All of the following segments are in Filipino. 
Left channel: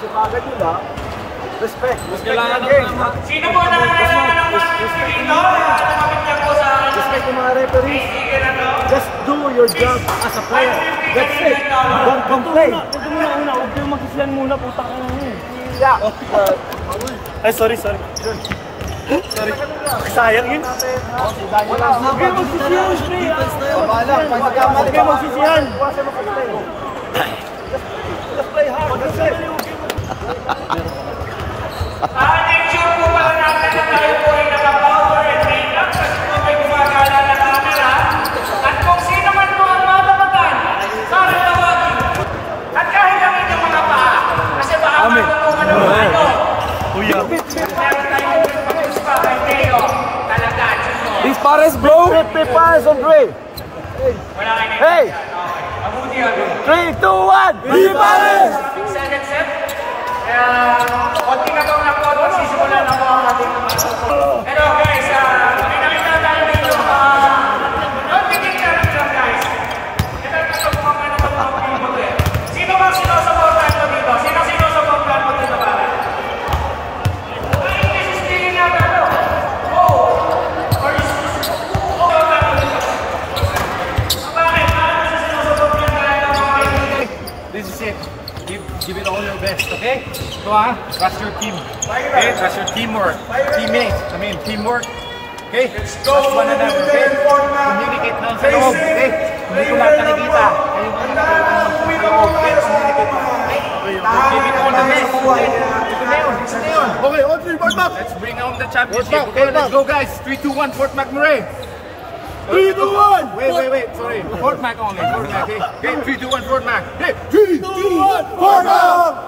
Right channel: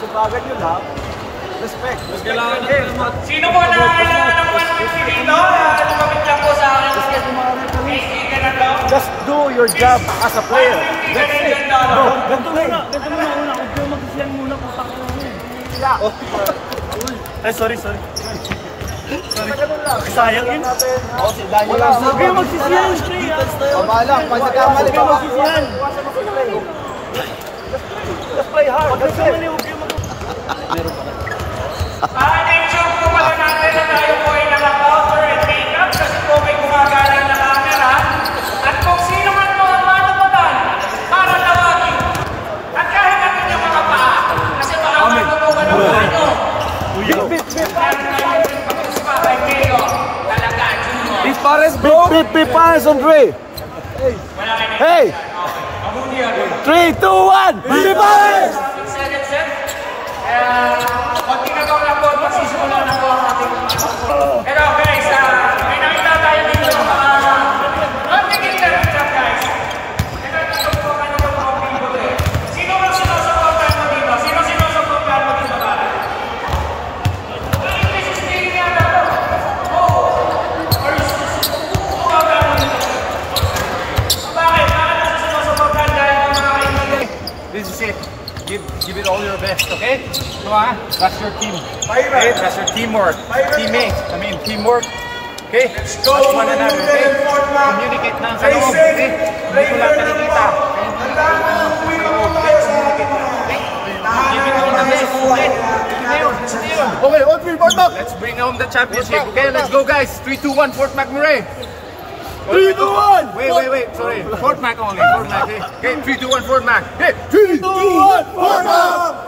sipagan nyo lang. Respect. Kailangan naman. Sino po na kailangan ng 150 dito? Lumapit lang po sa akin. Respect yung mga referees. Just do your job as a player. That's it. Don't play. Ganito muna una. Huwag kayong magsisiyan muna. Ay, sorry. Sorry. Sayang yun. Huwag kayong magsisiyan. Huwag kayong magsisiyan. Just play hard. That's it. Meron pala. Ensure po pala natin na tayo po ay naka-cover and make-up kasi po may gumagala na camera. At kung sino man po ang matapatan para tawagin. At kahit namin yung mga paa. Kasi baka matutukan ng mga nyo. Kuya. Big Pares on 3. Hey! 3, 2, 1! Big Pares! Kaya, konti na lang po, magsisimulan na po ang ating pero guys, may nakita tayo dito. Don't think it down dyan guys. Ito naman ito kung ano itong mga people eh. Sino bang sinusuportahan mo dito? Sino sinusuportahan mo dito ba? This is the area pero. Bakit? Paano sinusuportahan dahil ng mga kaibigan? This is it. Give it all your best, okay? Come on, trust your team. Okay, trust your teamwork. Teammates, teamwork. Okay? Trust one another, okay? Communicate na sa loob, okay? Hindi ko lahat nakikita. Communicate na, okay? Give it all the best, okay? Ito na yun. Okay, all three, Fort Mac. Let's bring home the championship, okay? Let's go, guys. 3, 2, 1, Fort McMurray. 3, 2, 1! Wait, sorry. Fort Mac only, Fort Mac, okay? 3, 2, 1, Fort Mac. Okay, 3, 2, 1! Fort Mac!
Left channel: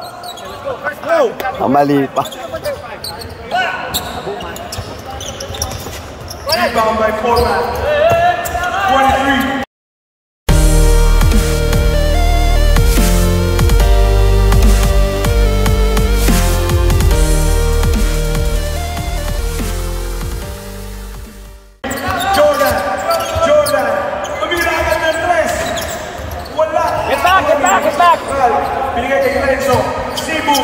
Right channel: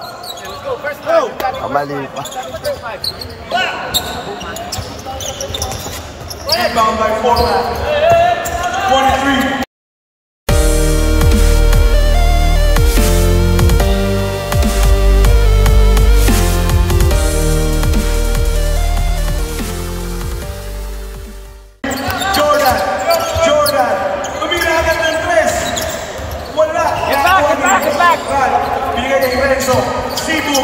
let's go, first match. Mali pa. Rebound by Fort Mac. 23. Jordan, pumira agad ng 3. Wala. Binigay kay Renzo. Cebu.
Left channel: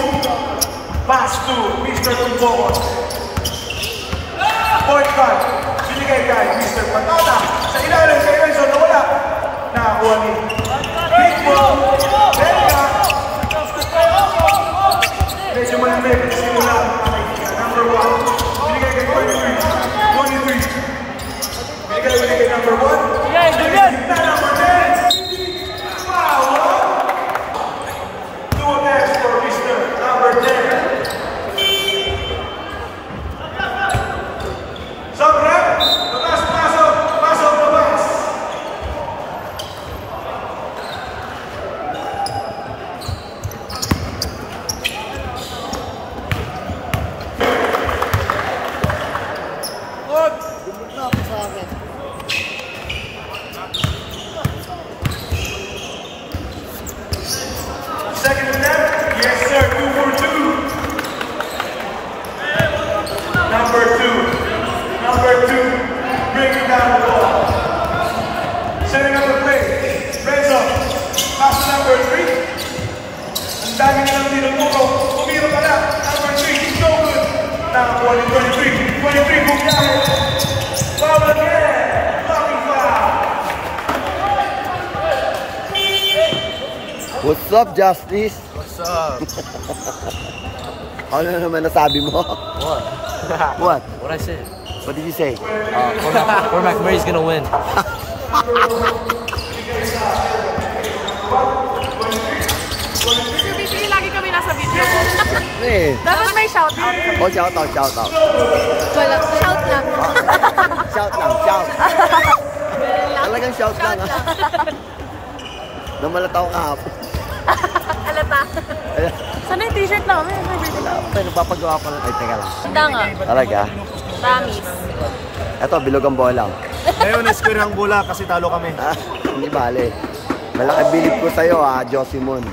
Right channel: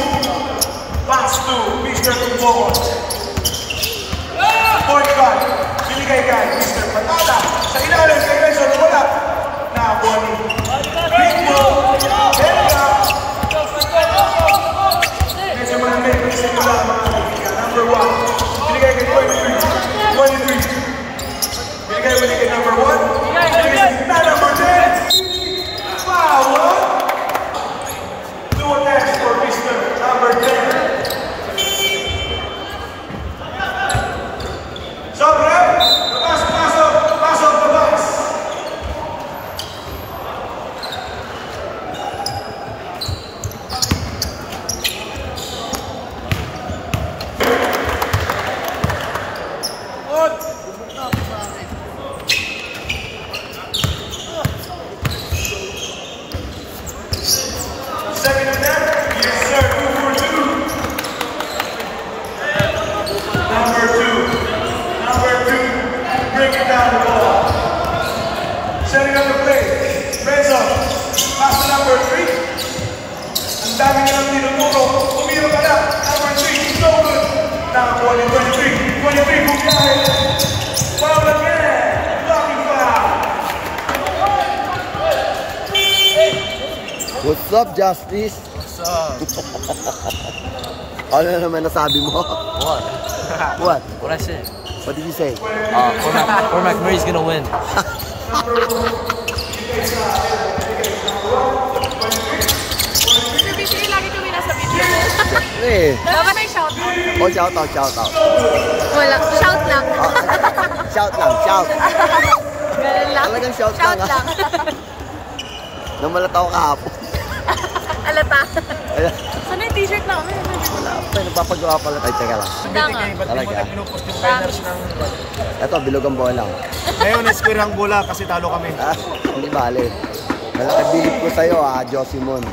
Pass to Mr. Tumbongo. Point guard. Binigay kay Mr. Patata. Sa ilalim kay Renzo na wala. Nakakuha ni Bigbo. Bella. Medyo malamig ang simula mga kaibigan. Number 1. Binigay kay 23. Binigay ulit kay number 1. Binigay number 10. Wow! Do a dance for Mr. Number 10. Sobre. Pasok, labas. Second attempt, yes sir, 2 for 2. Number 2, breaking down the ball. Setting up the play, Renzo, pass to number 3. Ang dami nilang tinuturo, umiro pala, number 3, so good. Nakakuha ni 23, bugyahe. Foul again, blocking foul. What's up, Justice? What's up? Ano naman nasabi mo? What? What? What I said? What did you say? Fort McMurray's gonna win. Mr. BT, lagi kami nasa video mo. Siyempre. Dapat may shoutout. Oh, shoutout. Wala, shout lang. Shout. Talagang shout lang, ha? Namalataw kahapon. Alata. Ayan. Saan na yung t-shirt namin? Wala pa, nagpapagawa pala tayo. Teka lang. Danga. Talaga? Eto, bilog ang bola. Ngayon, square ang bola kasi talo kami. Hindi bale. Malaki bilib ko sa'yo, Josimon.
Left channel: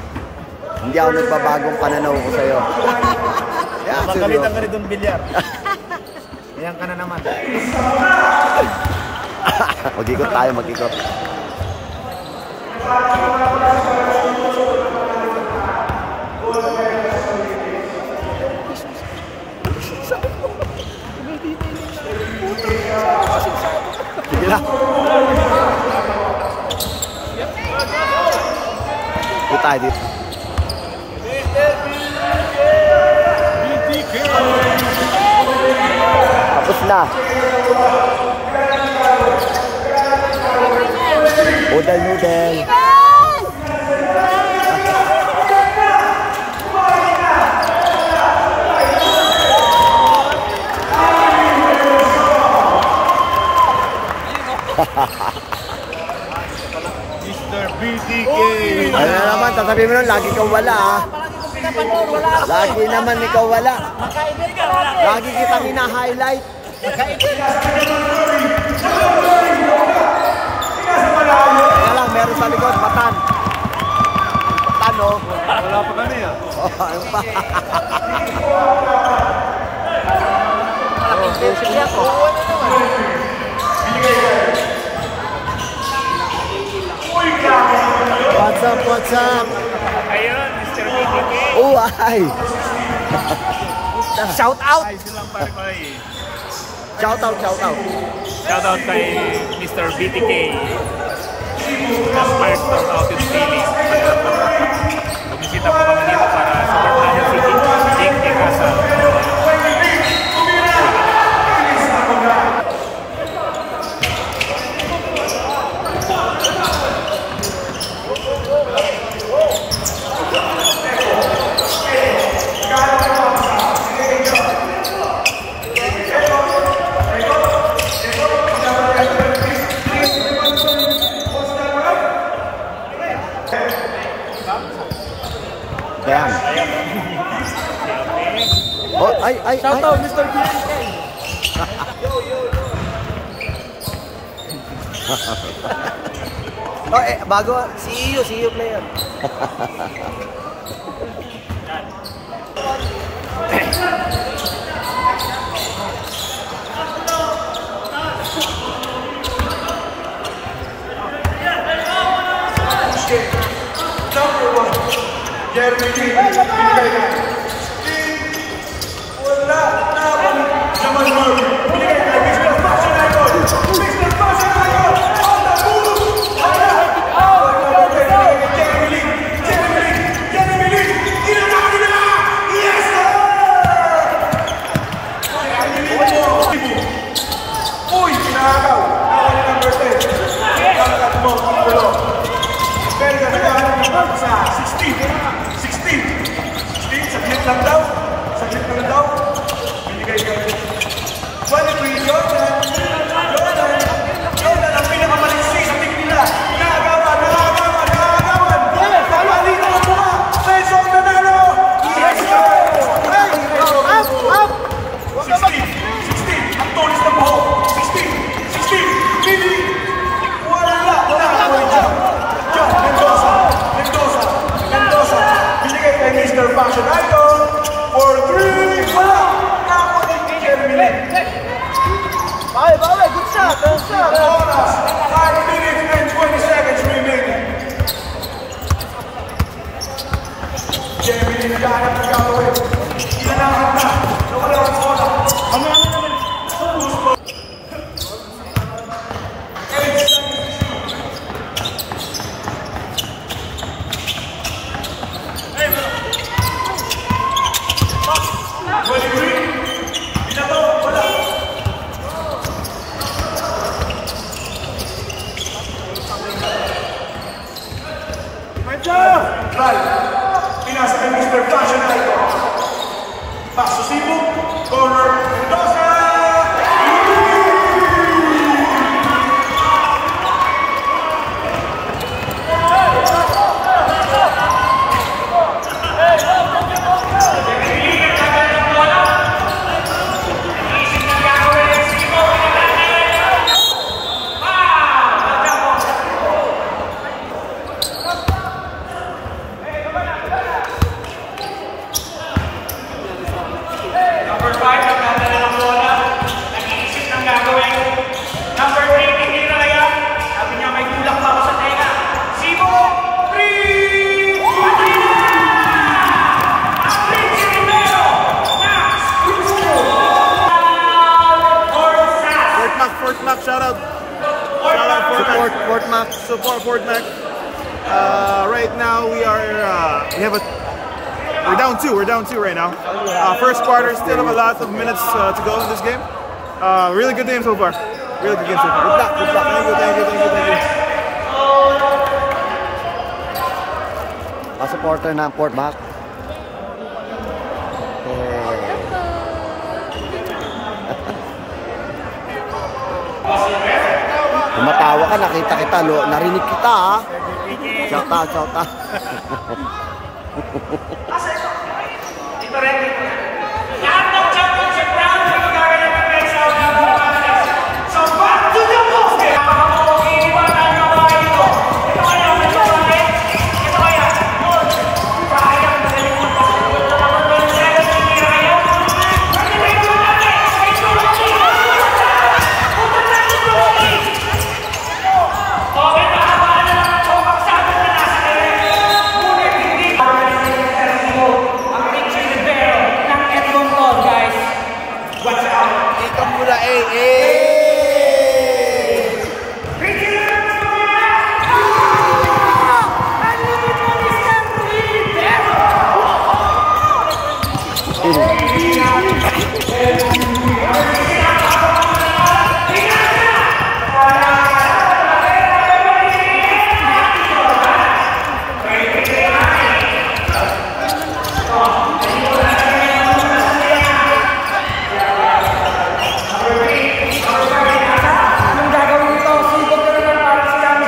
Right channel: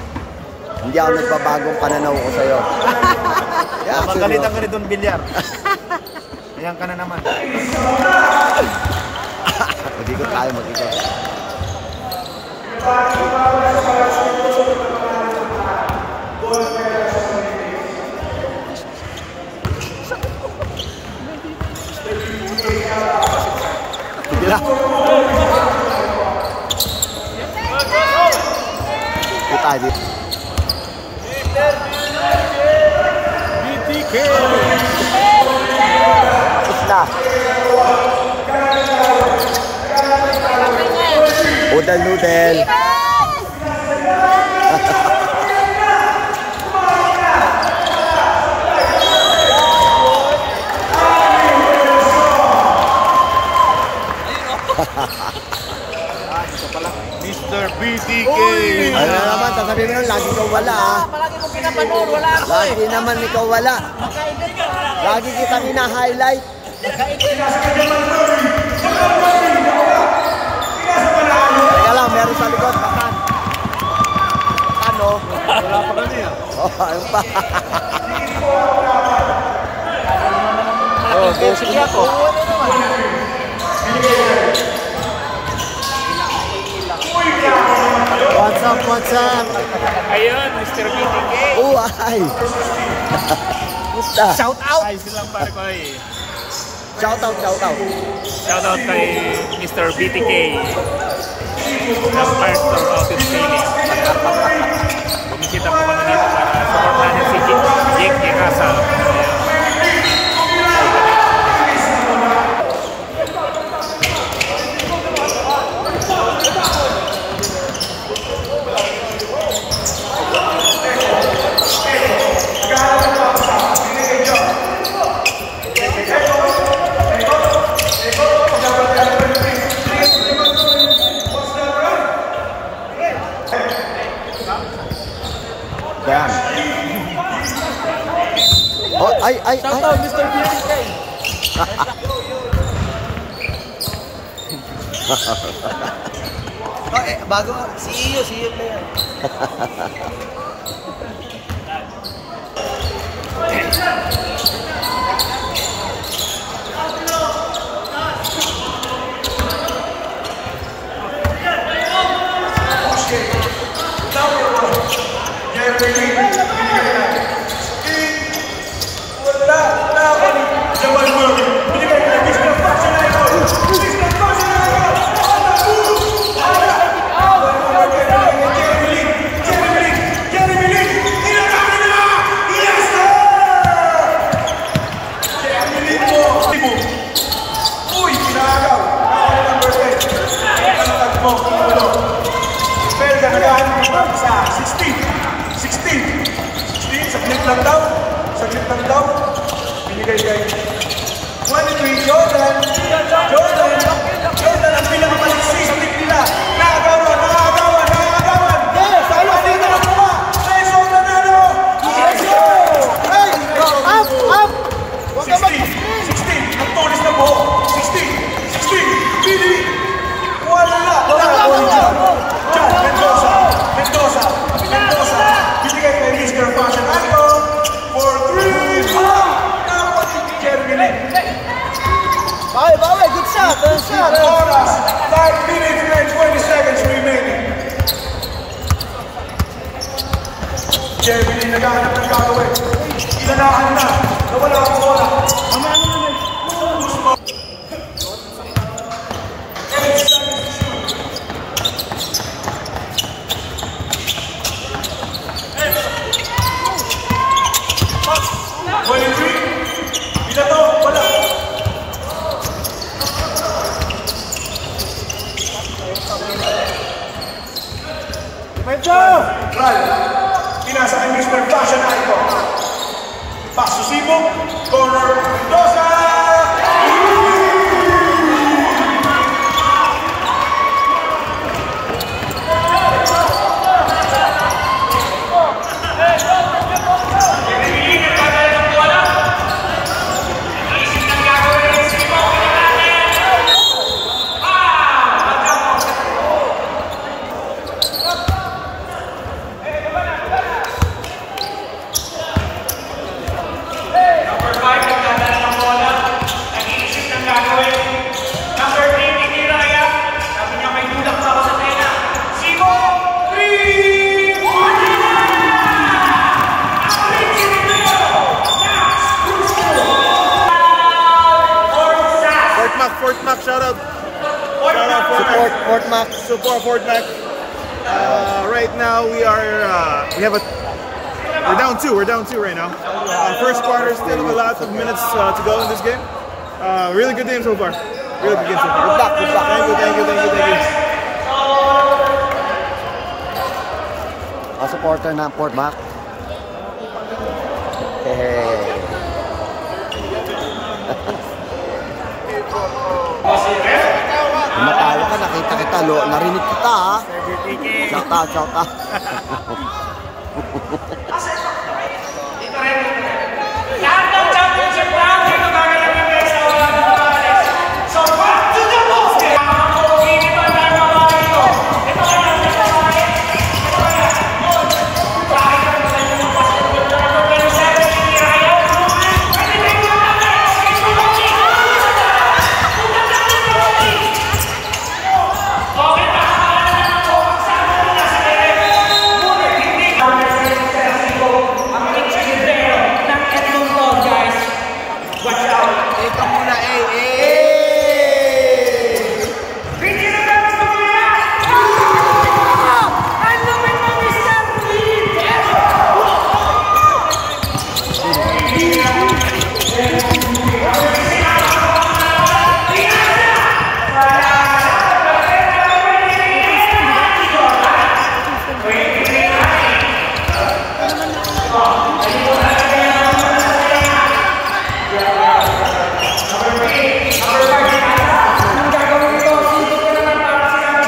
Hindi ako nagbabagong pananaw ko sa'yo. Napagalitan ka ni Don Villar. Ayan ka na naman. O, dikot tayo, mag-ikot. Dito tayo dito. Tapos na. Noodle. Mr. BTK. Ano na naman, sasabihin mo nun, lagi ikaw wala ah. Palagi kong pinapanood, wala ako. Lagi naman ikaw wala. Makaibit ka lagi. Lagi kitang ina-highlight. Teka lang, meron sa likod, Patan. Patan oh. Wala pa kami ah. Oh, ayun pa. What's up? Ayun, Mr. BTK. Oh, ay. Musta? Shout out! Shout out. Shoutout kay Mr. BTK ng Firestorm Outfit Feeling. Bumisita po kami dito para support natin si Jake Kekasa. Damn. Oh, ay. Shout out, Mr. BTK! Bago, CEO player. Belga naghahanap naman sa 16, submit lang daw, binigay kayo. 23, Jordan ang pinakamaliksi sa team nila, nakagawan, napalitan ng mukha, sa isang nanalo mo, 16, ang tulis ng buho, 16, Billy, wala, John, Mendoza, binigay kay Mr. Fashion Idol for 3, wala, napoli Jeremy Lin. Good shot! Ang oras, 5 minutes and 20 seconds remaining. Jeremy Lin naghahanap ng gagawin. Inanahan na, wala ang bola. Ang namin naman. Pinasa kay Mr. Fashion Icon. Pass to Cebu, corner, Mendoza! Fort Mac, shout out. Support Mac. Support Fort Mac. right now we we're down two. We're down 2 right now. First quarter, still have a lot of minutes to go in this game. Really good game so far. Really good game so far. Good luck, good luck. Thank you. Supporter ng Fort Mac. Kumatawa ka, nakita kita, narinig kita ha. Shout out. Lahat ng championship round, ito gagalangin guys sa wala na nakaalis. So, back to the post! Iiba tayo mga kayo. Ito kaya, may babae. Ito kaya, yun. Bakit na magaling yung pasulit na number 27 hindi kayo? Pagkitay ko na natin! Ay, Rocky! Punta natin, Rocky! Okay, nakabahan na lang ito. Pagsado na nasa ere. Ngunit hindi. Ang Richie Rivero ng Edmonton, guys. Watch out. Ito muna, Richie Rivero ng Pilipinas. Ang lupit mo, Mr. Rivero. Number 5 nasa. Anong gagawin ito? Sibog ka naman para silang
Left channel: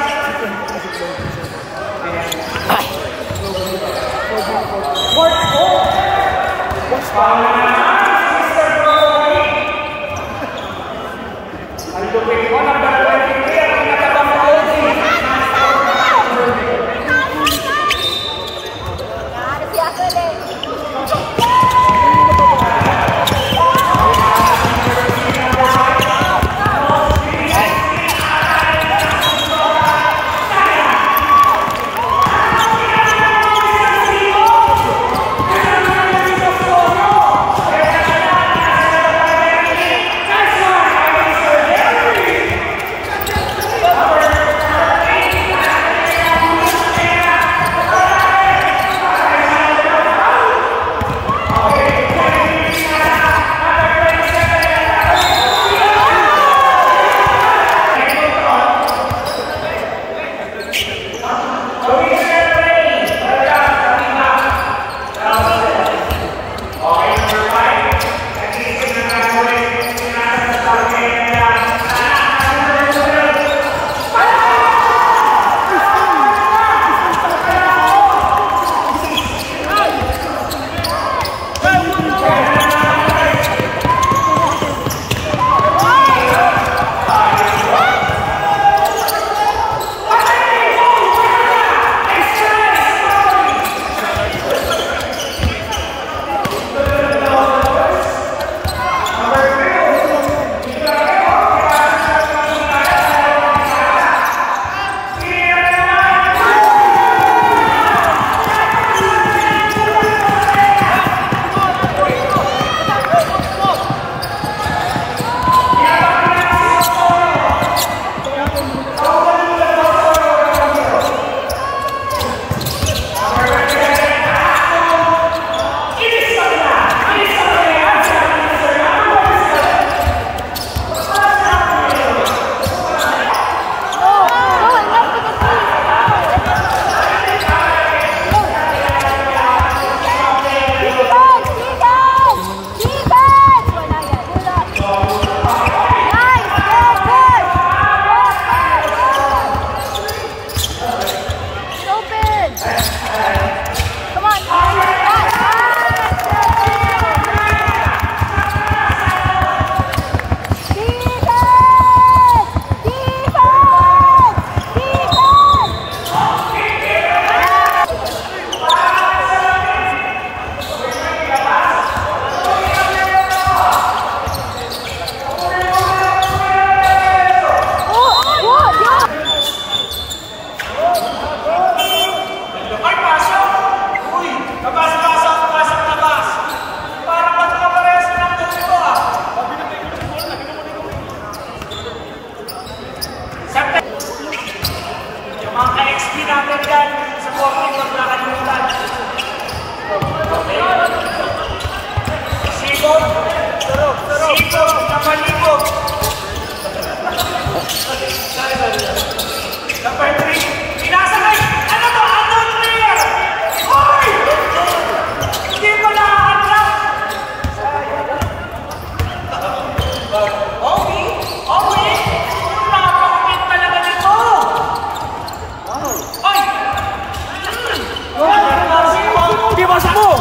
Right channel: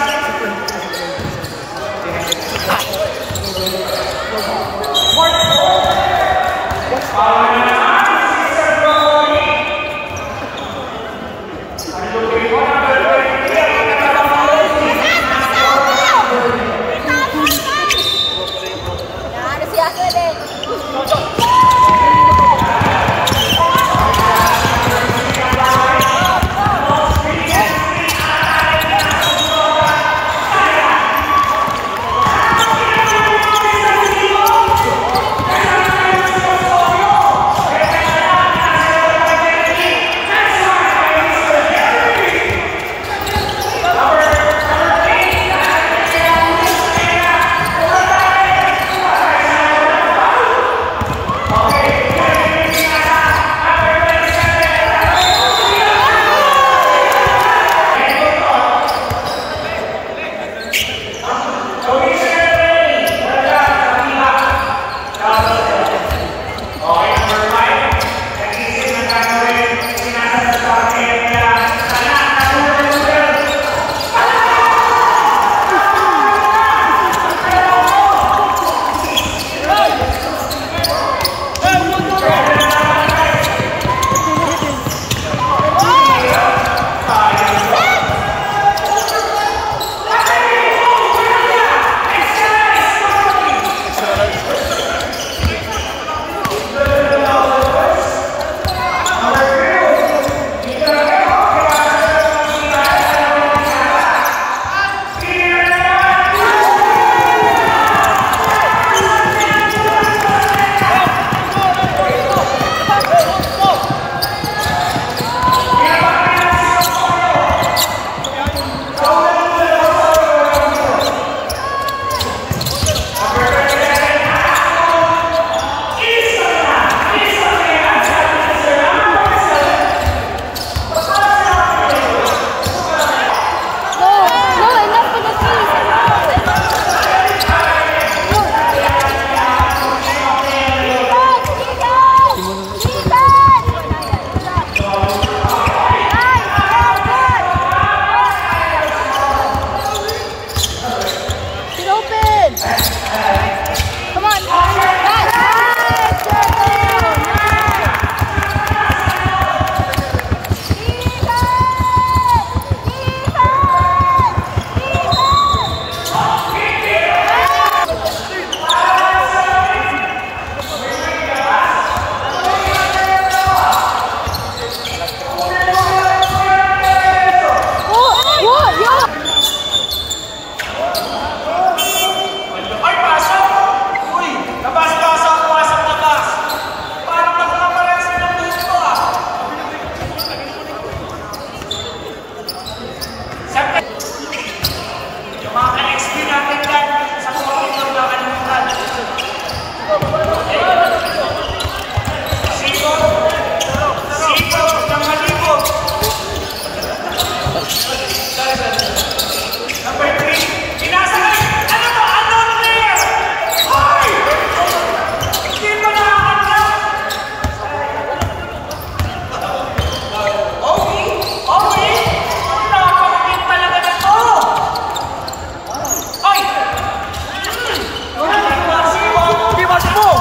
Ay, sa 14 huwag kakalimutan. Okay? Sibog na malibog. Number 3, inasakay. Ano to? Ano player? Hoy! Hindi pa nakakanta. Okay. Nakakakit talaga nito. Ay! Number 4, Sibog. Di ba sa mo?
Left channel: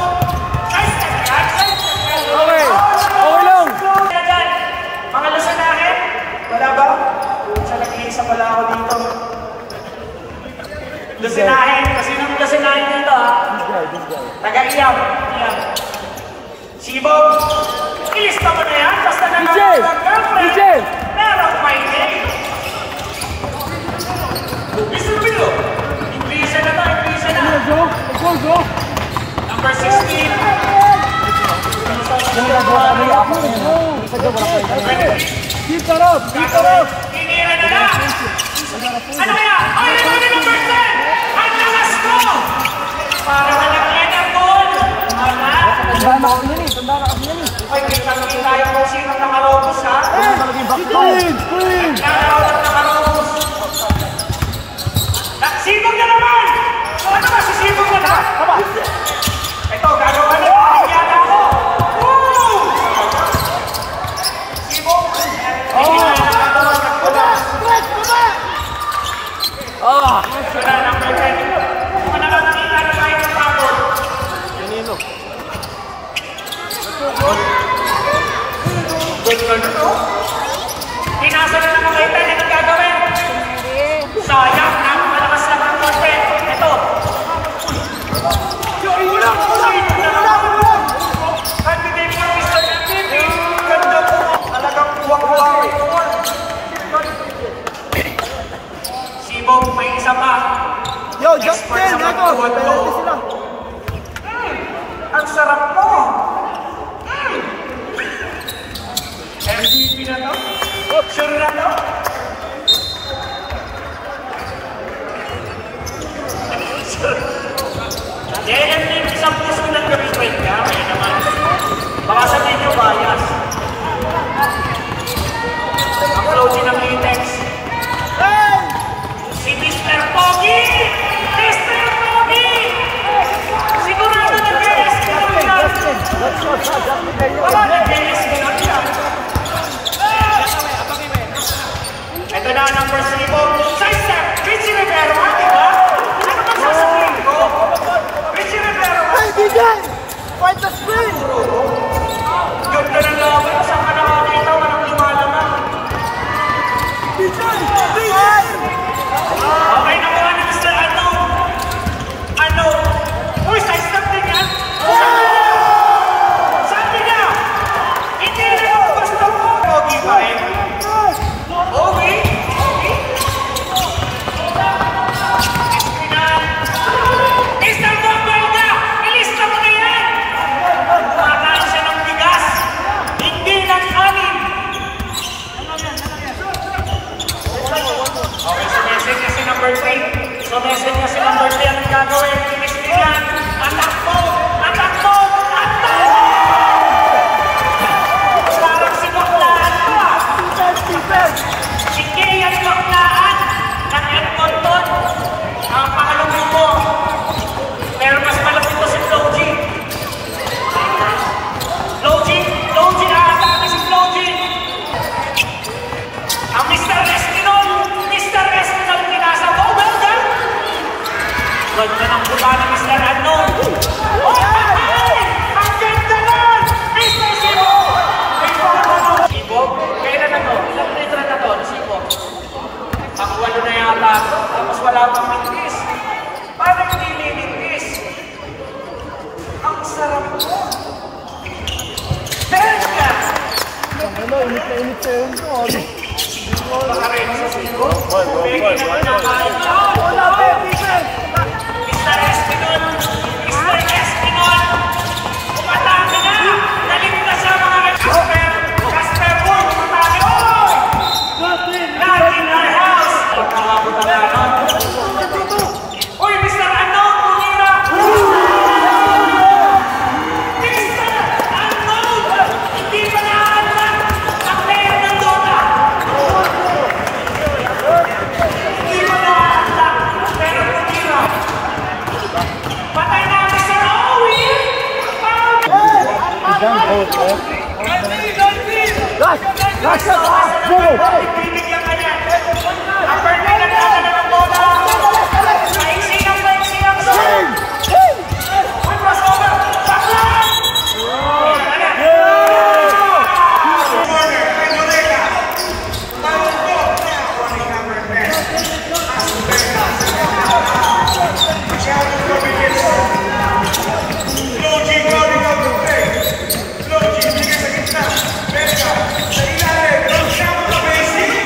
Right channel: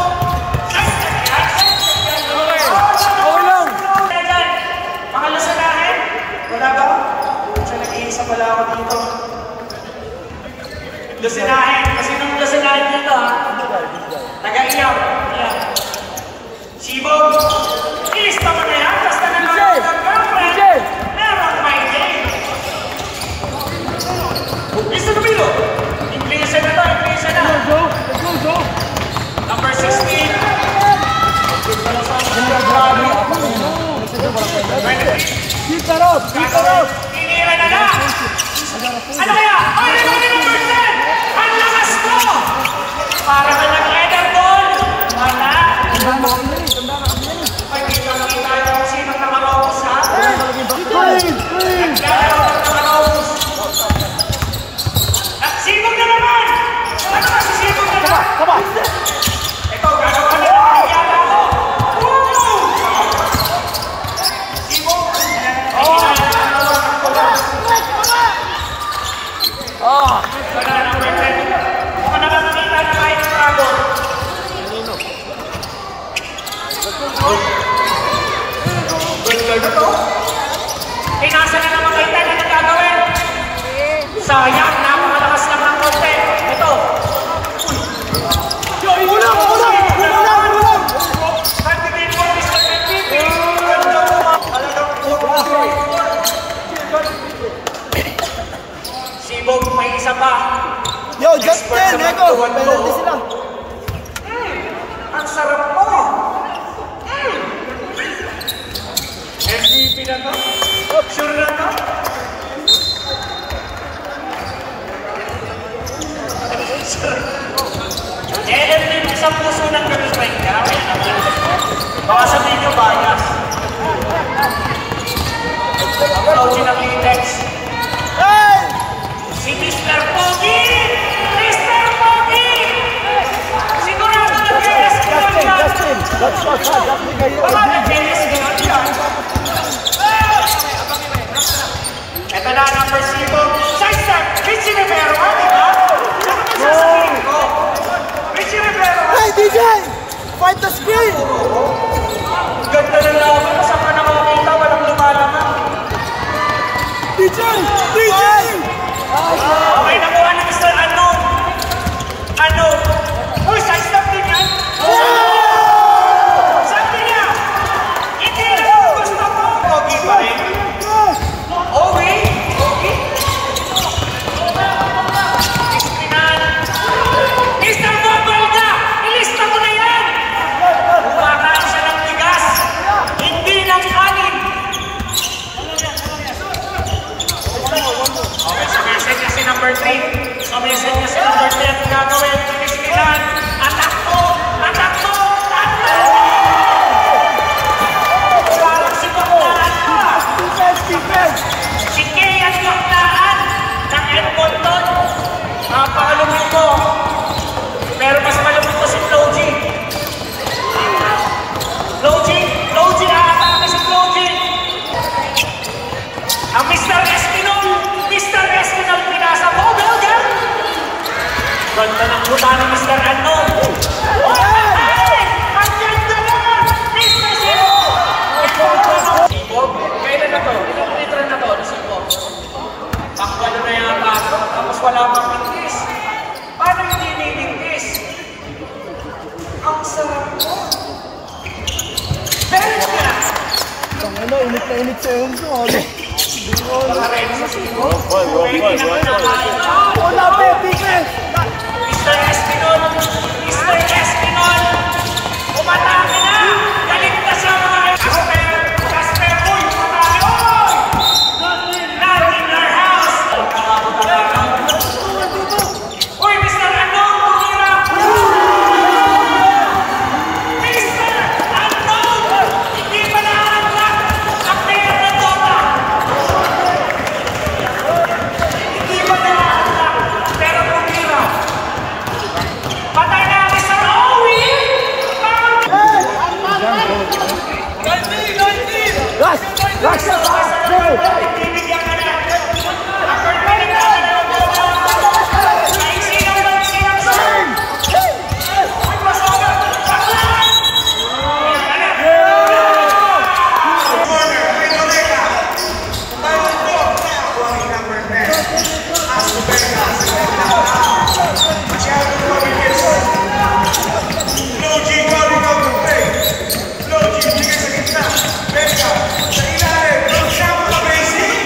Mga lasinahin? Wala ba? Sa nag-iisa pala ako dito. Lasinahin? Kasi nung lasinahin dito ha? Taga-iyaw. Sibog. Ilista mo na yan. Basta na ng girlfriend. Merong may day. Listen to me though. Inglisa nito. Inglisa na. Go. Number 16. Yan ang gagawa kami. Apat na yun. Sa job, wala kwenta. Dito Rod! Pinira na lang! Ano kaya? Ay, ito na number 10! Ang lakas mo! Para na lang Ederball! Mana? Ay, kitang-kita yung kung sinong nakarobos, ha? Naglalaro ng nakarobos. Nagsipog na naman! Ano na, sisipog na ba? Ito, gano'n ka na. Nangyari ako! Woo! Sibog! Wala, number 10. Kung nakakakita na kayo ng tago. Good girl na to. Pinasa na naman kayo 10 na nagagawin. Sayang, napakalakas lang ng konti. Ito. Candidate for Mr. MVP. Ganda po mga talagang kuwak-kuwak. Sibog, may isa pa. Expert sa pagtuwan to. Ang sarap mo. MVP na to? Sure na to? Sure. MVP isang puso ng gawin ka. Kaya naman. Baka sabihin mo bias. Ang closing ng latex. Si Mr. Pogi! Mr. Pogi! Sigurado nag-rescue yan! Baka nag-rescue yan! Ito na ang number 3. Sidestep! Richie Rivero nga, di ba? Ano ba sasabihin ko? Richie Rivero nga! Hey, DJ! Find the screen! Ganda na lang. Ano saan ka nakakita? Walang lumalama. DJ! Okay, nakuha ni Mr. Unknown. Unknown. Uy, sidestep din yan. Sabi niya, hindi na yung gusto mo. Pogi pa rin. Pogi? Pogi? Mr. Dobalga, ilista mo na yan. Makakaan siya ng bigas. Hindi ng anin. Okay, so message na si number 3. So message na si number 3 ang gagawin. Kiniskinan. Attack mo! Attack mo! Attack! Parang si Baklaan pa. Si Kay at Baklaan ng Edmonton. Napakalumit mo. Pero mas malumit mo si Floji. Floji, nakakata kami si Floji. Ang Mr. Espinol pinasa. Oh, Belga! Ganda ng buta ni Mr. Unknown. Hey! Ang ganda nun! Mr. Sibog! Sibog? Kailan na to? Ilang litro na to? Sibog? Makwala na yata ito. Tapos wala pang mintis. Paano hindi nilintis? Ang sarap mo. Belga! Baka rin sa Sibog? May kinakain ka? Mr. Espinol! Mr. Espinol! Umata ka na! Naligtas ang mga Casper Boy! Not in our house! Uy, Mr. Bibigyan ka niya. Number 3, nagdadala ng bola. May sigaw ba yung sigaw? Uy, pasok! Saklan! Corner, may Dorega. Bawal po. Running number 10. As Dorega. Masyadong mabilis. Logi calling out the play. Logi, bigay sa gitna. Dorega, sa ilalim. Siyama ka, Gracie.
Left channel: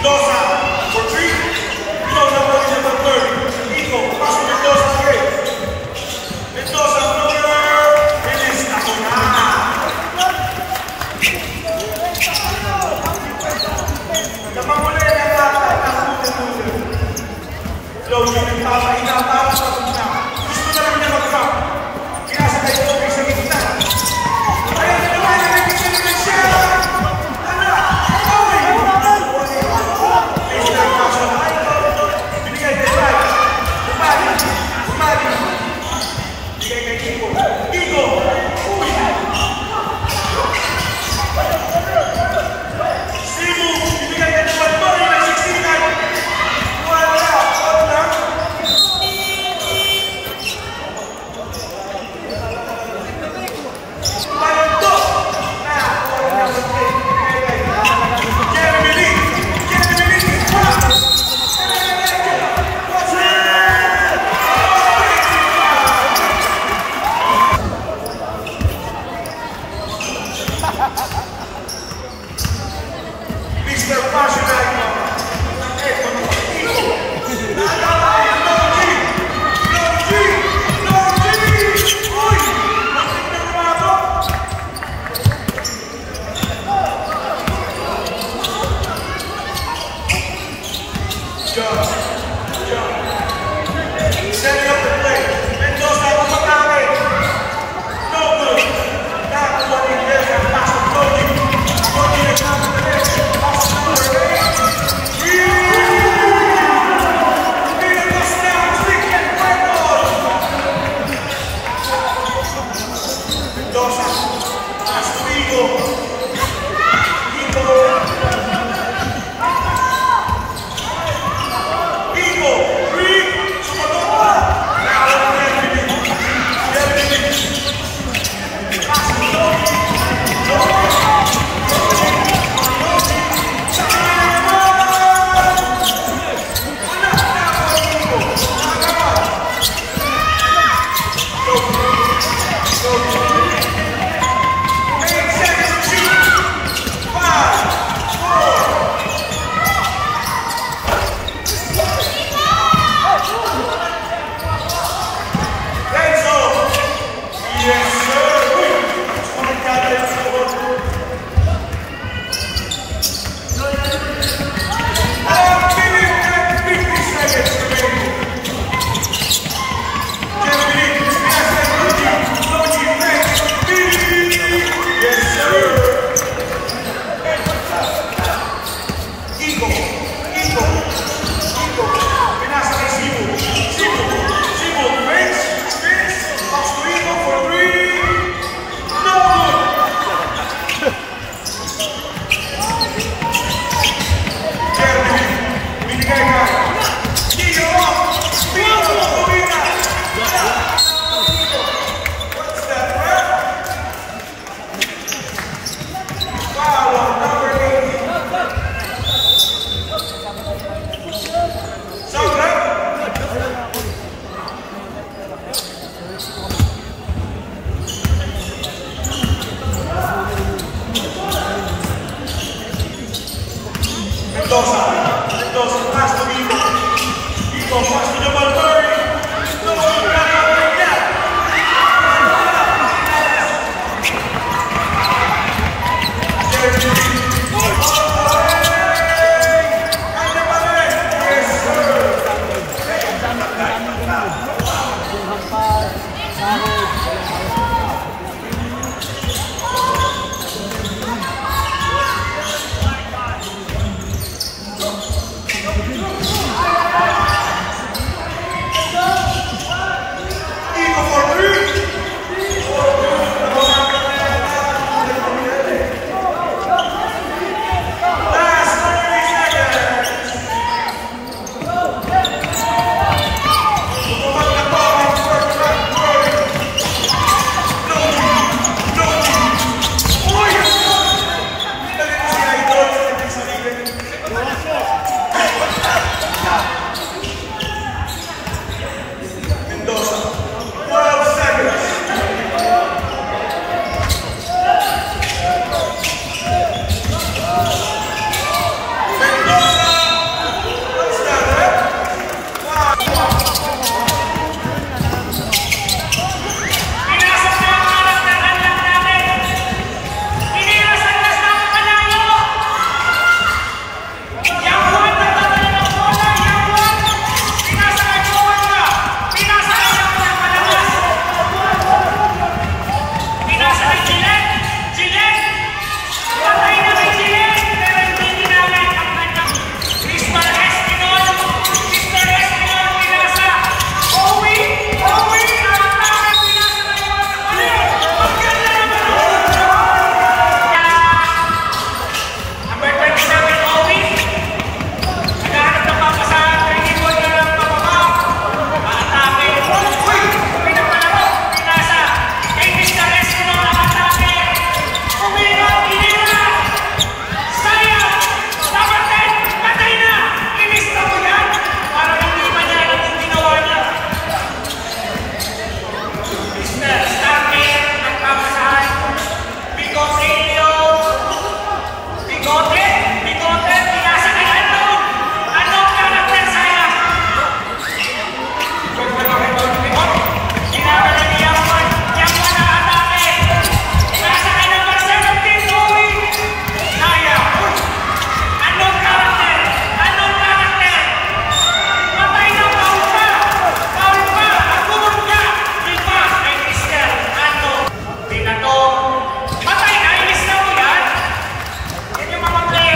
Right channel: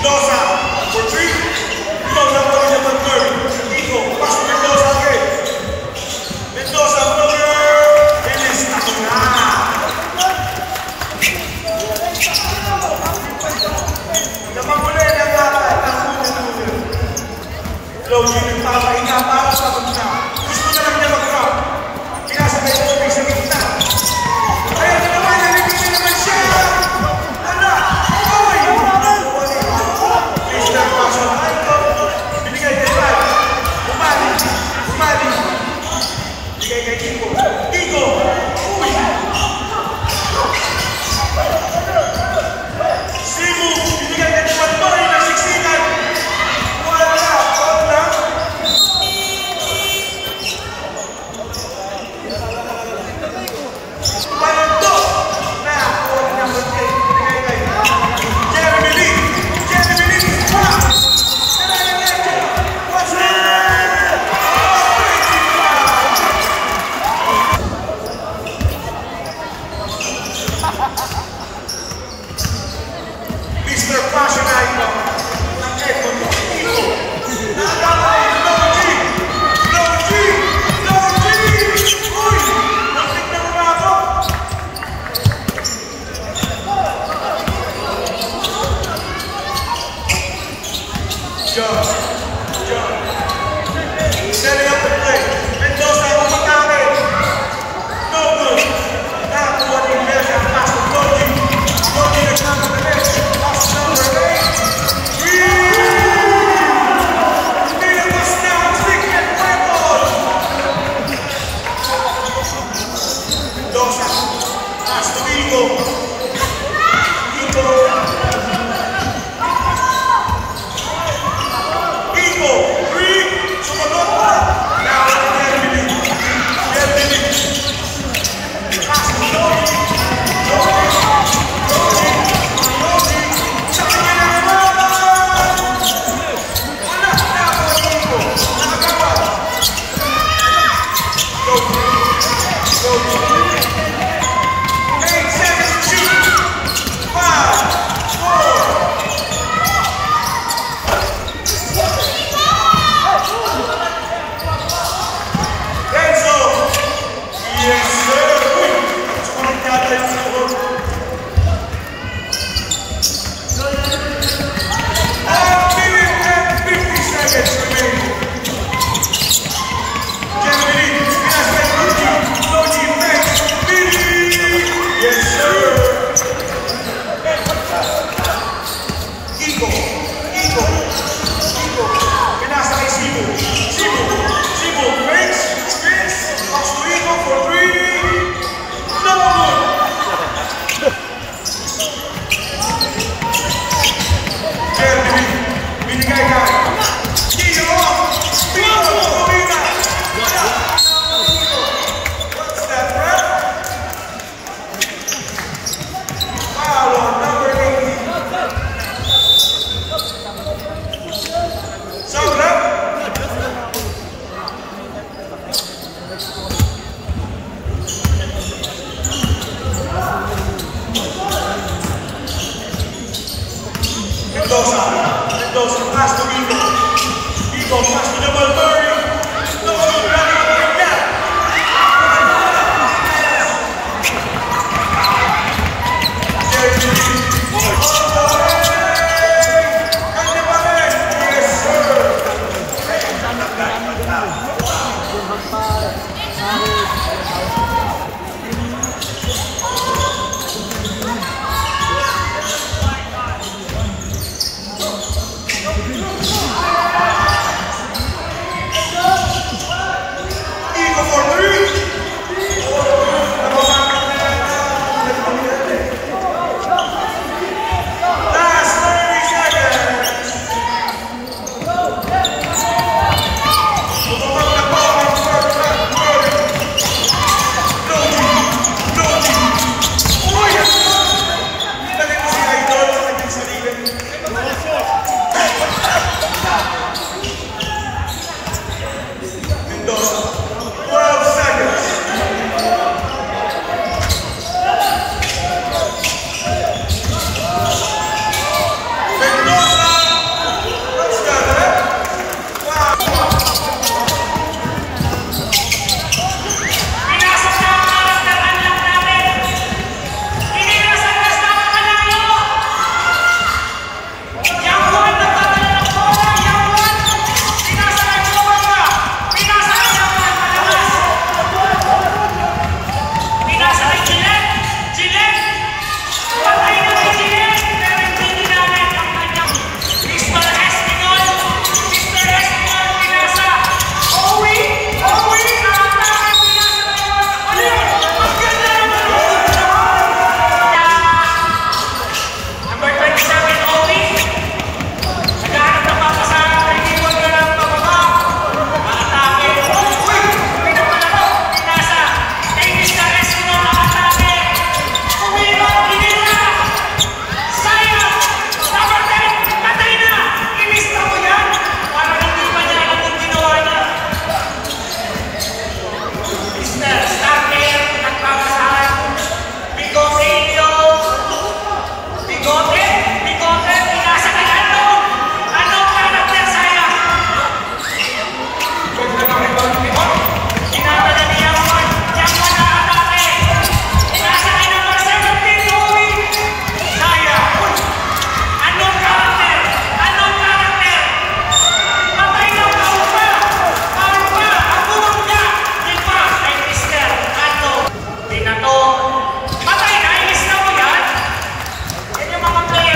Mendoza for 3. Mendoza for number 30. Nico, pass to Mendoza again. Mendoza floater. Finish. Ako na. Namamuli ng bata. Loading yung papahinga para sa pagka. Gusto na lang niya mag-drop. Pinasakay ko may sa gitna. Kaya na naman, narinig naman siya. Wala. Okay. Please not pass on. Binigay kay Brad. Bumali. Binigay kay Kiko. Kiko. Uy. Simu. Binigay kay Juan Boy. Nasiksikan. Wala. Mendoza, pass to Vigo. Vigo, pass to number 30. Bigote, pinasa kay Anong. Anong karakter saya? Ginagala ni Yangwan. Yangwan na atake. Pinasa kay number 17, Louie. Saya. Anong karakter? Anong karakter? Patay na Paul pa. Paul pa. Ang bumangga. Diba? Ay Mr. Ano? Pinatong. Patay na. Inis na mo yan. Yan yung mga player.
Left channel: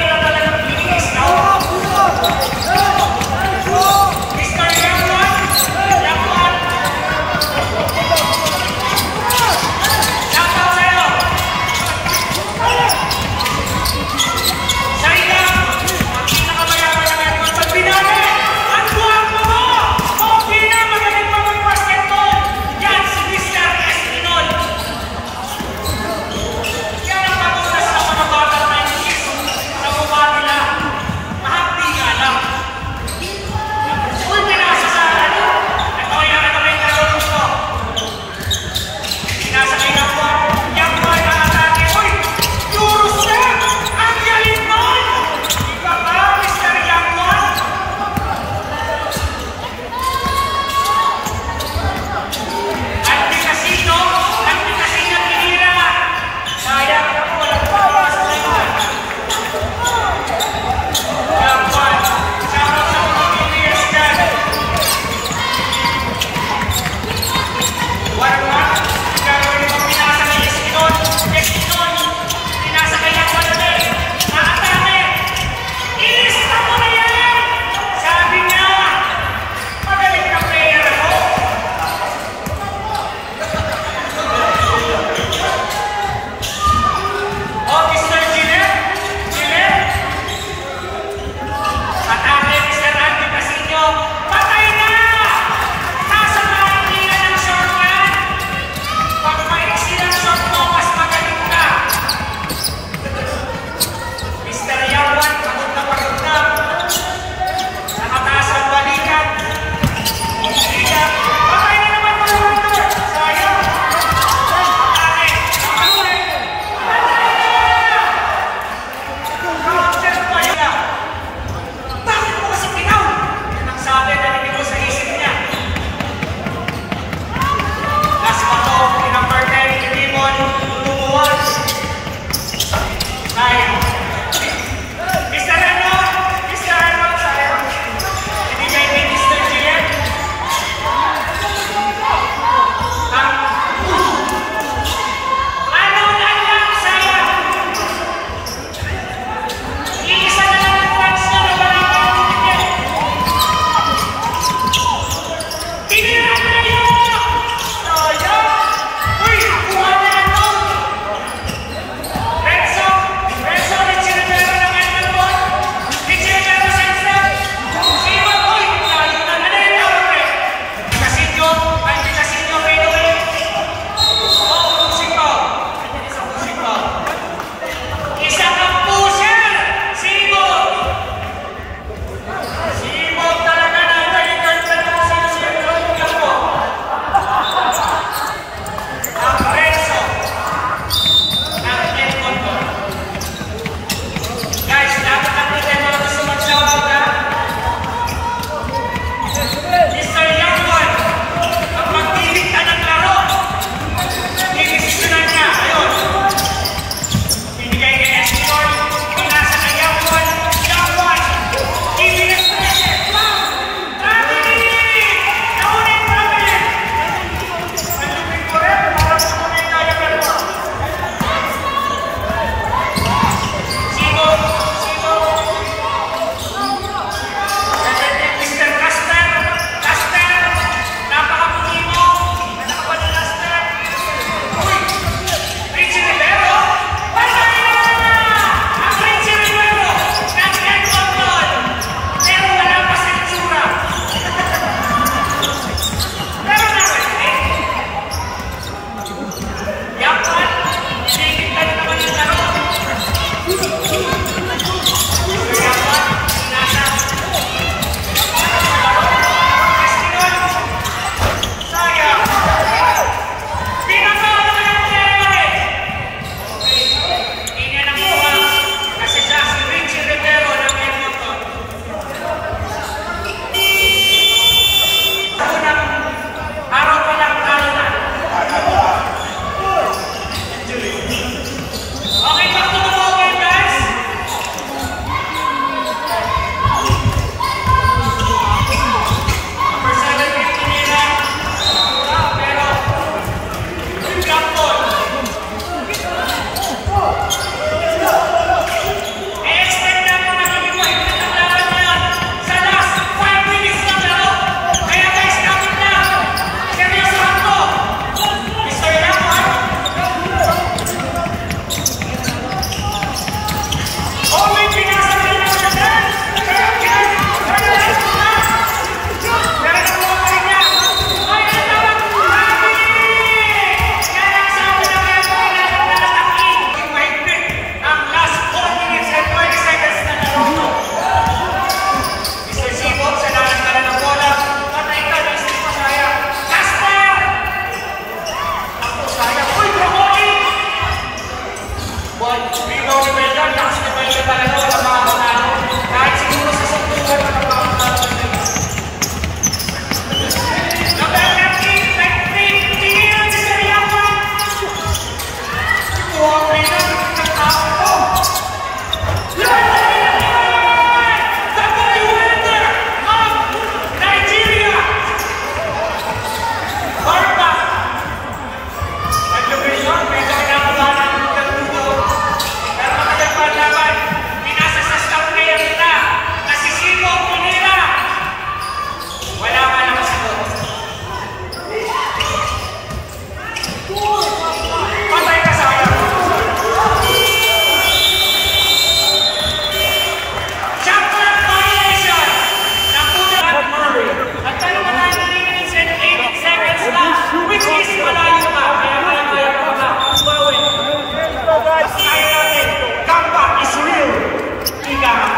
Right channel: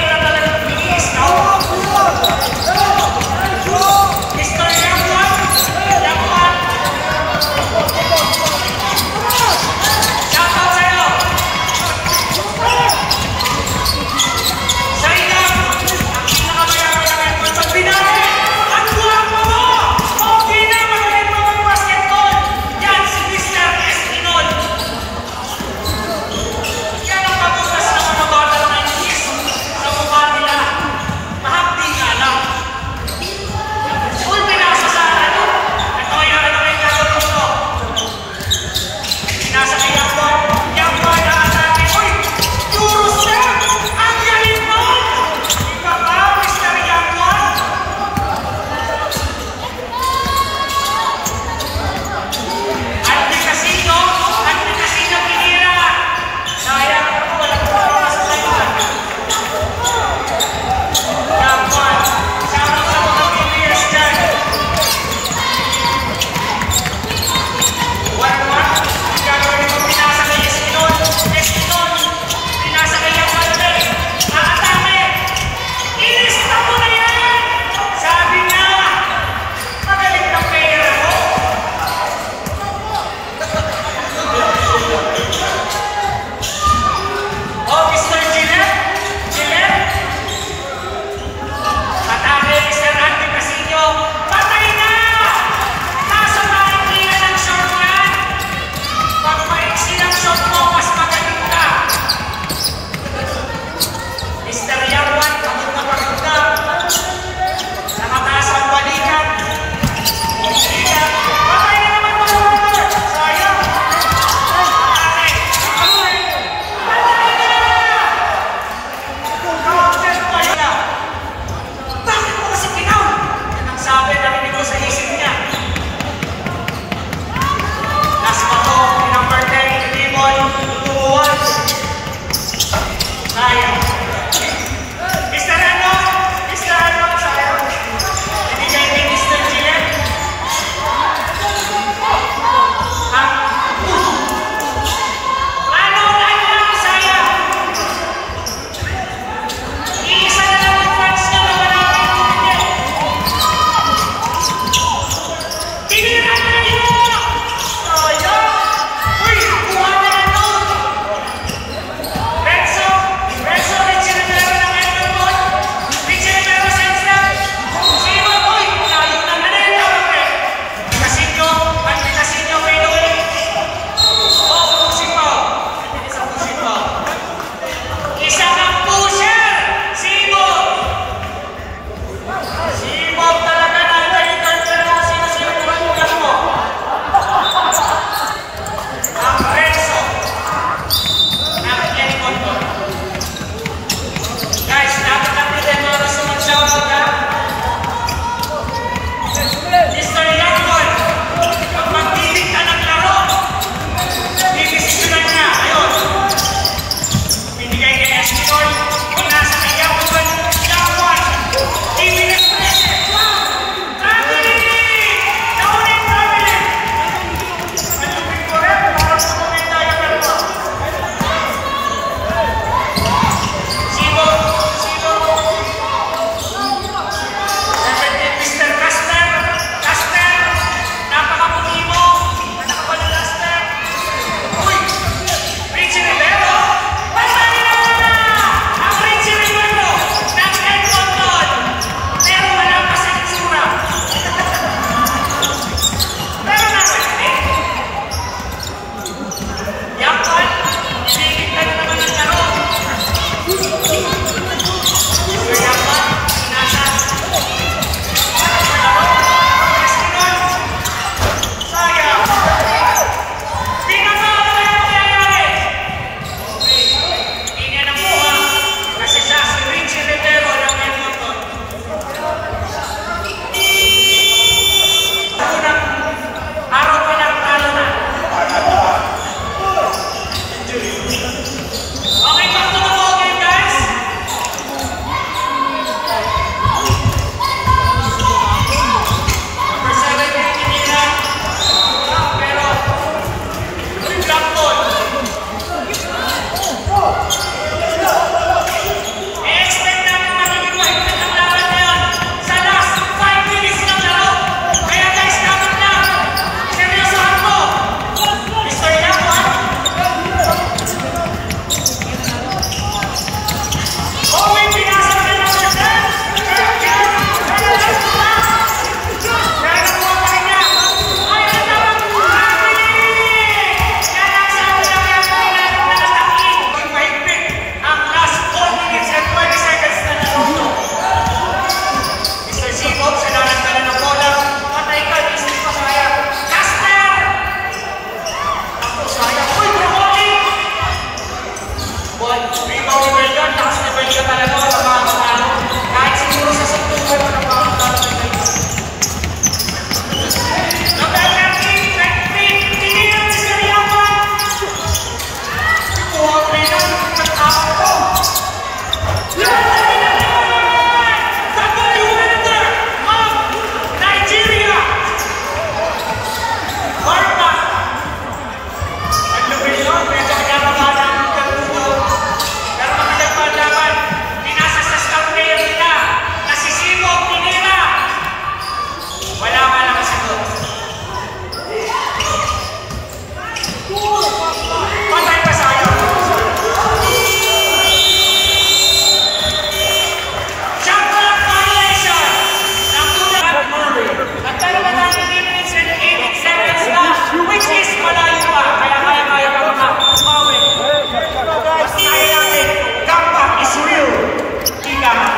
Ika nga.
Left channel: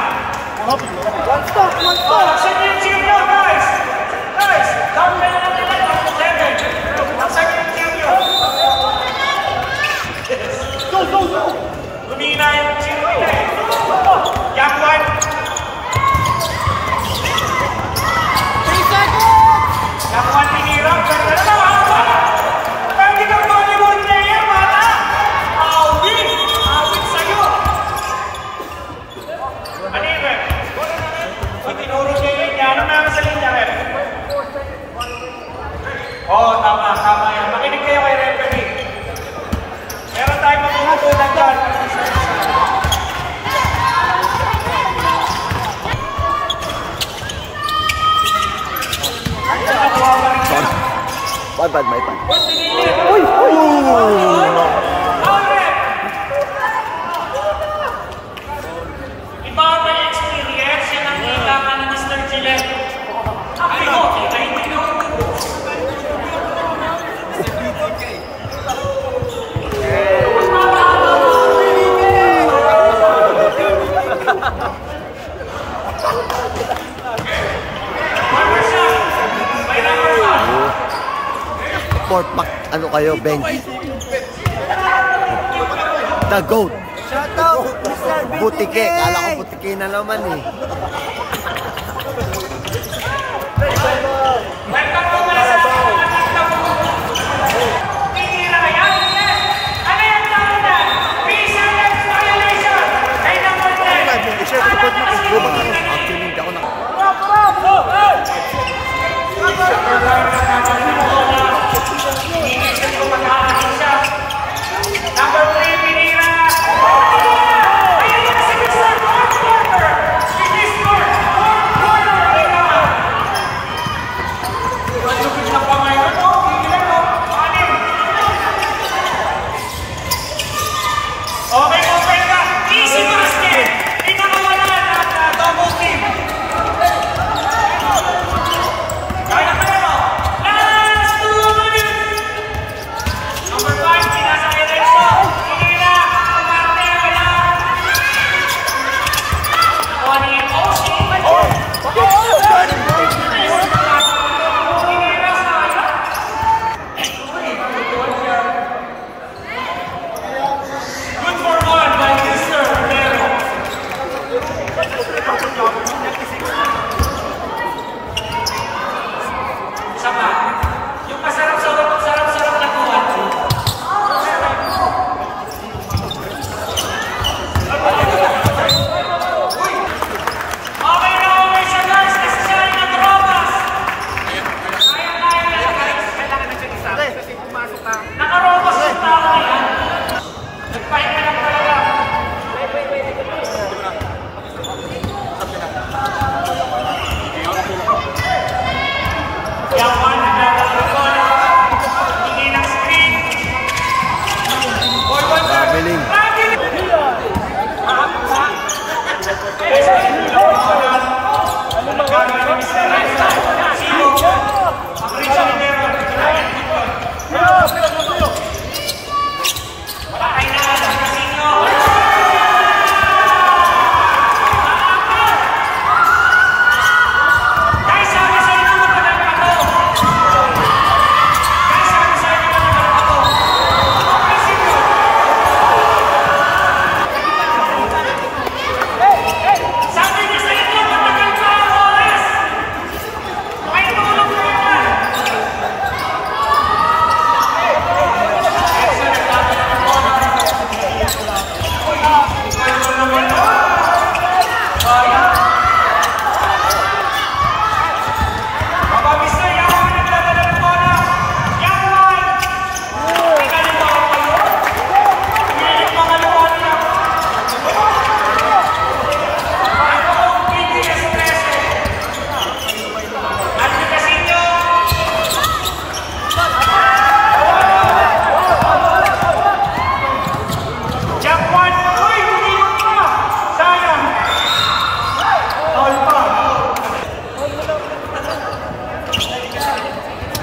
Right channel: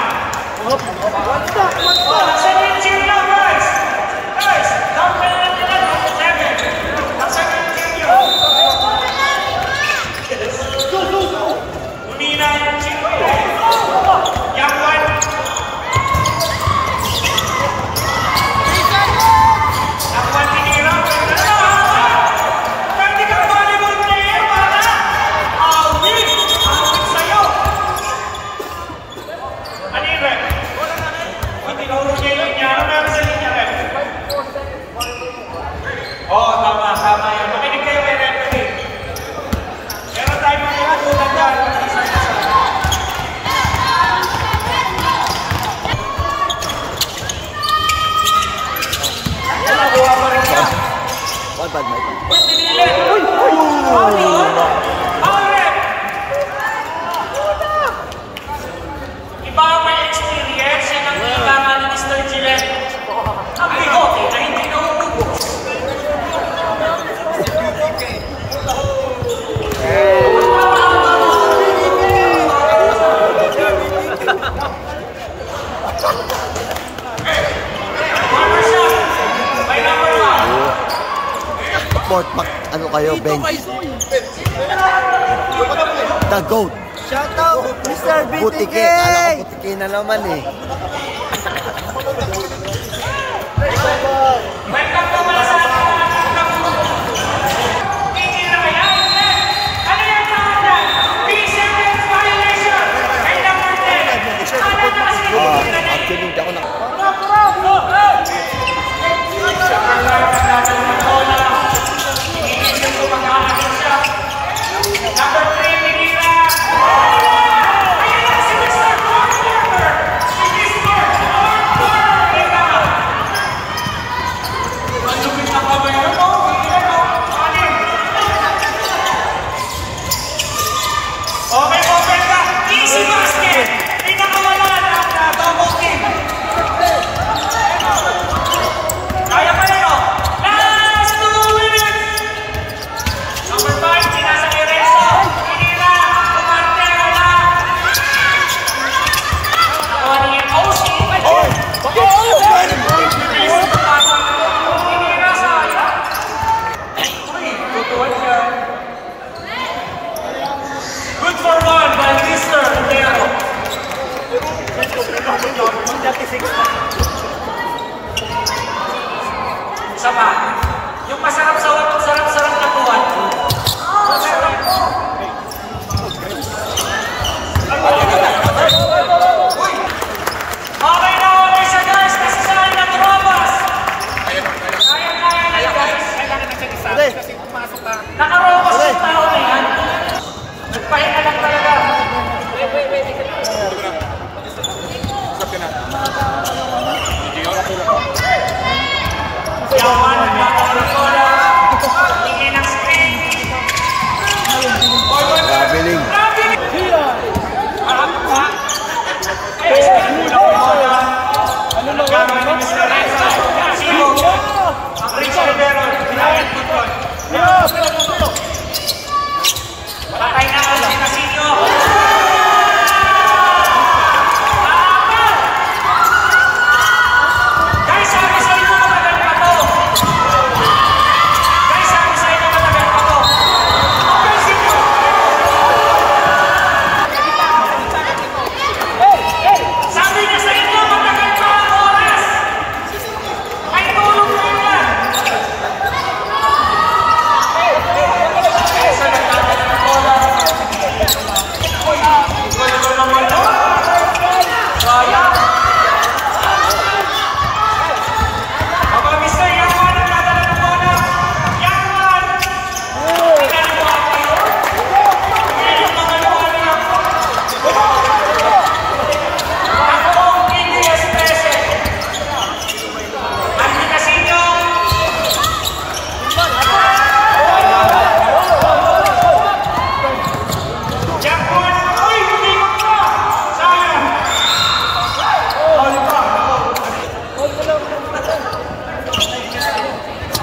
Oh, laksan yung cheer nyo, guys! Guys, down na lang natin. 7. Laksan yung cheer nyo. Umina yung cheer nyo. Young one. Young one, hinirap. Ganda na naman. Pwede kang volleyball player, para. Alvin, Alvin sa'yo. Ano yung rep? Pag tinuro niya yung linya, ano meron sa linya, rep? Oo, tama yan. Makinig kayo kay referee. Meron tayong makikitunan dyan pag isa-isa. Nakuha pa rin niya. Bad, may pan. Uy, pinilit! Foul yun? Foul rep! Iba ang may experience, yan ang nakikama ni Mr. Gillette. Ang bigote, na hindi nautubos. Fort Mac, ano kayo, bench? The GOAT. Shout out, Mr. BTK! Butike. Kala ko butike na naman eh. Welcome po pala sa ating mga tito. Hindi na kaya? Ano yung tawag dyan? P7 violation! Kay number 10. Actually, hindi ako Number 5 ang nagaling ng bola. Iniisip ko magkakasin siya. Number 3, Pinira. Ayan na si Mr. Fourth Quarter. Si Mr. Fourth Quarter. Ayan na. Ang lupit ng kamay na, no? Pinira, no? Anim. Okay, open ka. Easy basket. Pinakawalan at double team. Kaya pa yun, no? Last 2 minutes! Number 5, sinasa Ereso. Pinira, umarte, wala. Tony Oski. Pinira sa ala. Uy, tutuan siya. Good for one by Mr. Rivero. Sama. Yung masarap-sarap na kuwan. Okay na okay siya, guys. Kasi saan na tumawas. Kaya guys. Nakarobos yung tao na yan. Nagpahinga lang talaga. Yang one, nagdadala ng bola. Tingin ng screen. traveling. Guys, kulang pa bola. Nagkamay ni Mr. Renzo. Sibo. Ang Renzo Rivero. Ginamit punton. Patay na ang Sinisinyo.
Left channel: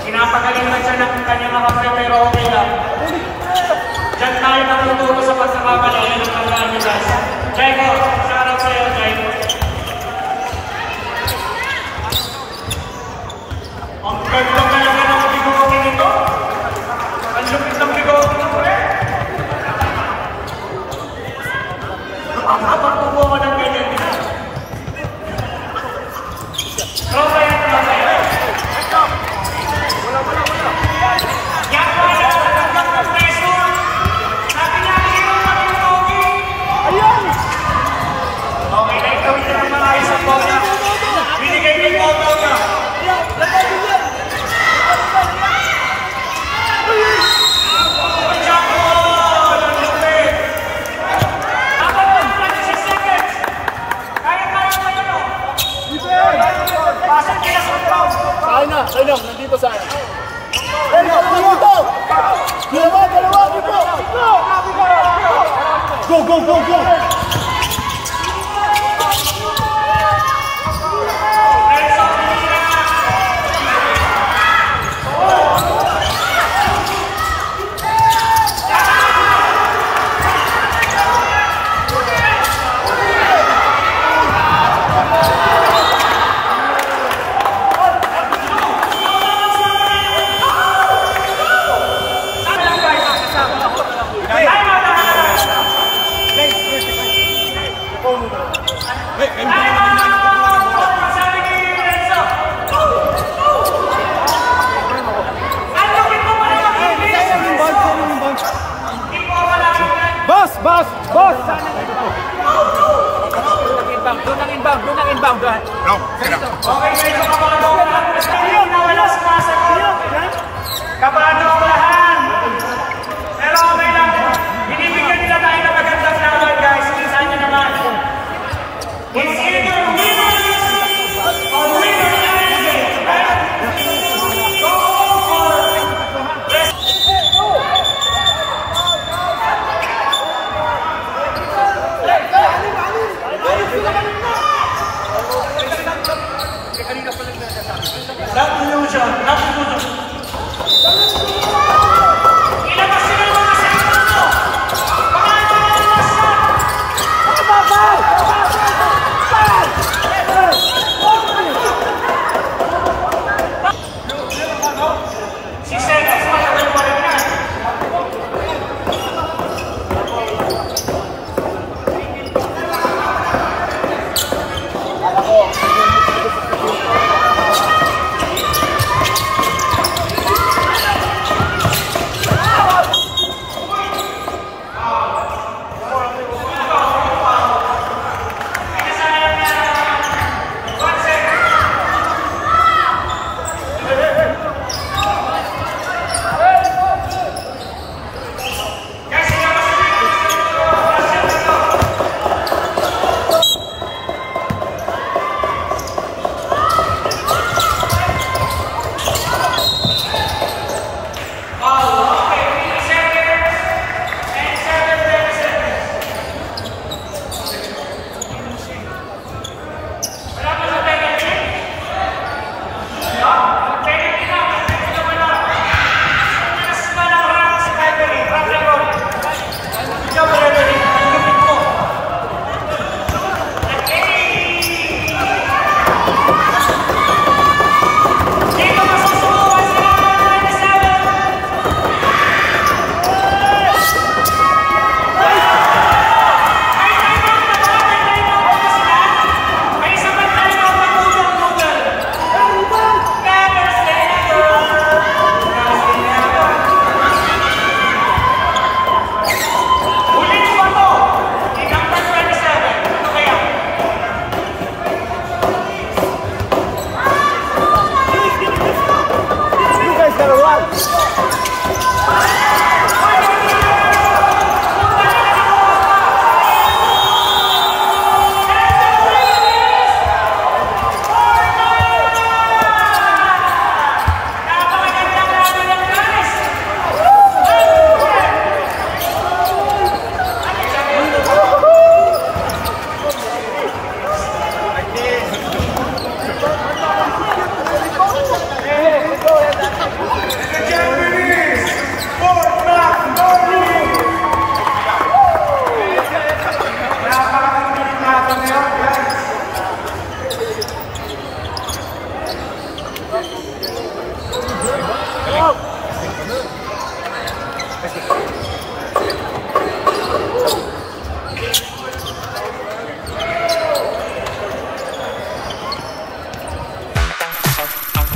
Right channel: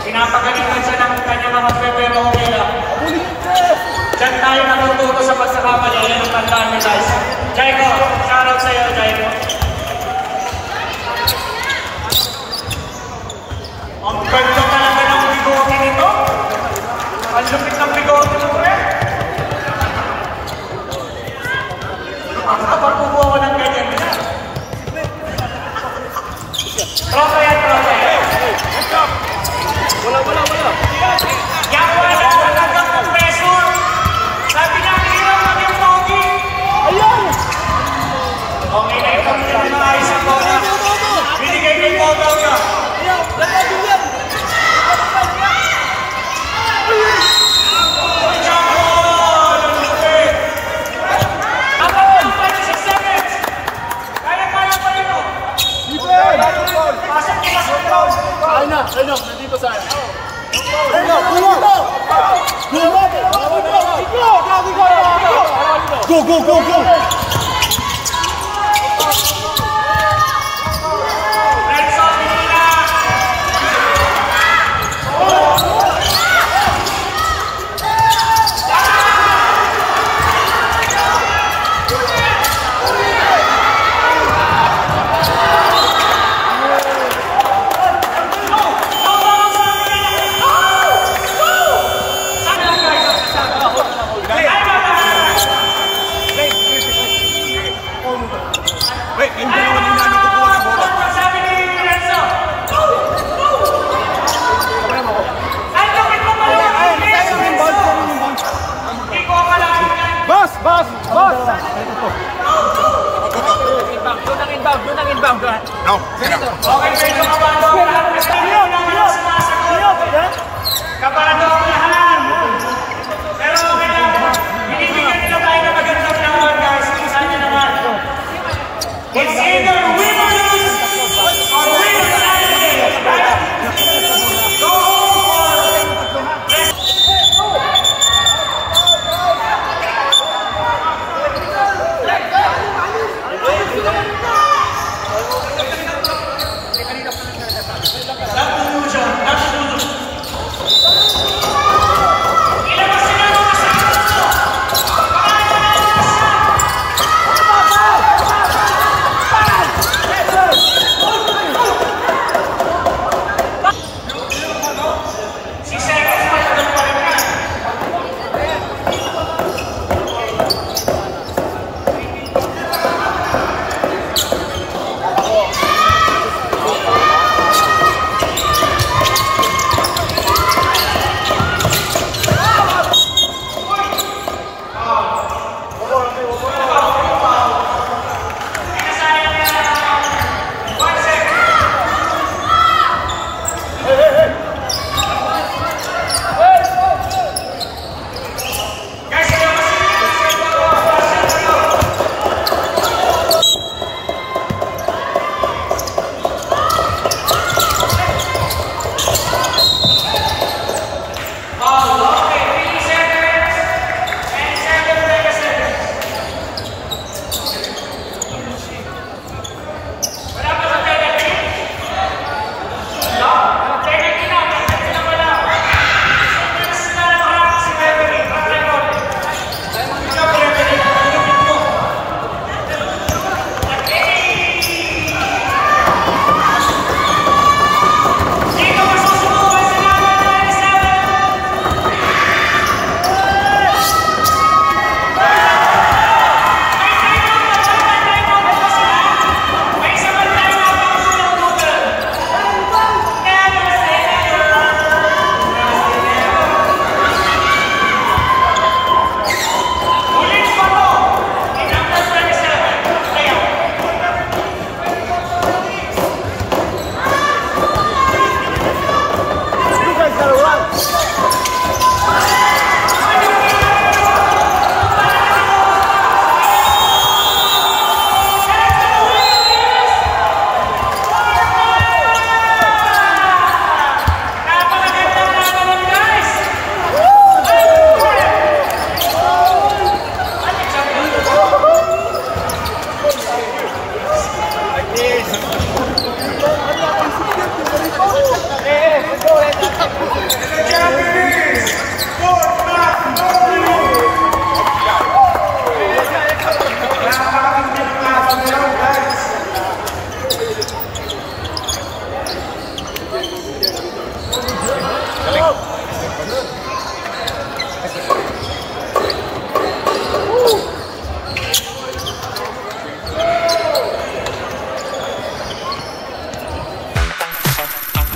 Pinapagalitan siya ng kanyang kape pero okay lang. Diyan tayo natututo sa pagkakamali ng tandaan ni guys. Jaiko, shout out sa'yo. Nakapagpupo ako ng ganyan niya. Tropa yan, tropa yan. Yan wala, nagdag ng pressure. Sabi namin yung maging pogi. Okay, naitawid ka ng maayos ang bola. Binigay niyo yung bola ka. Nandito sa akin. Go! No. Okay, medyo kabado ang lahat. Estabilin na wala sumasagot. Kabado ang lahat. Pero okay lang po. Binibigyan nila tayo ng magandang laban, guys. Isa nyo naman. It's either winners or winners and go home or rest. Not illusion.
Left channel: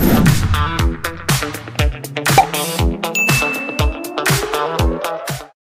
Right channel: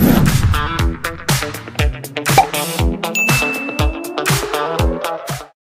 Bye.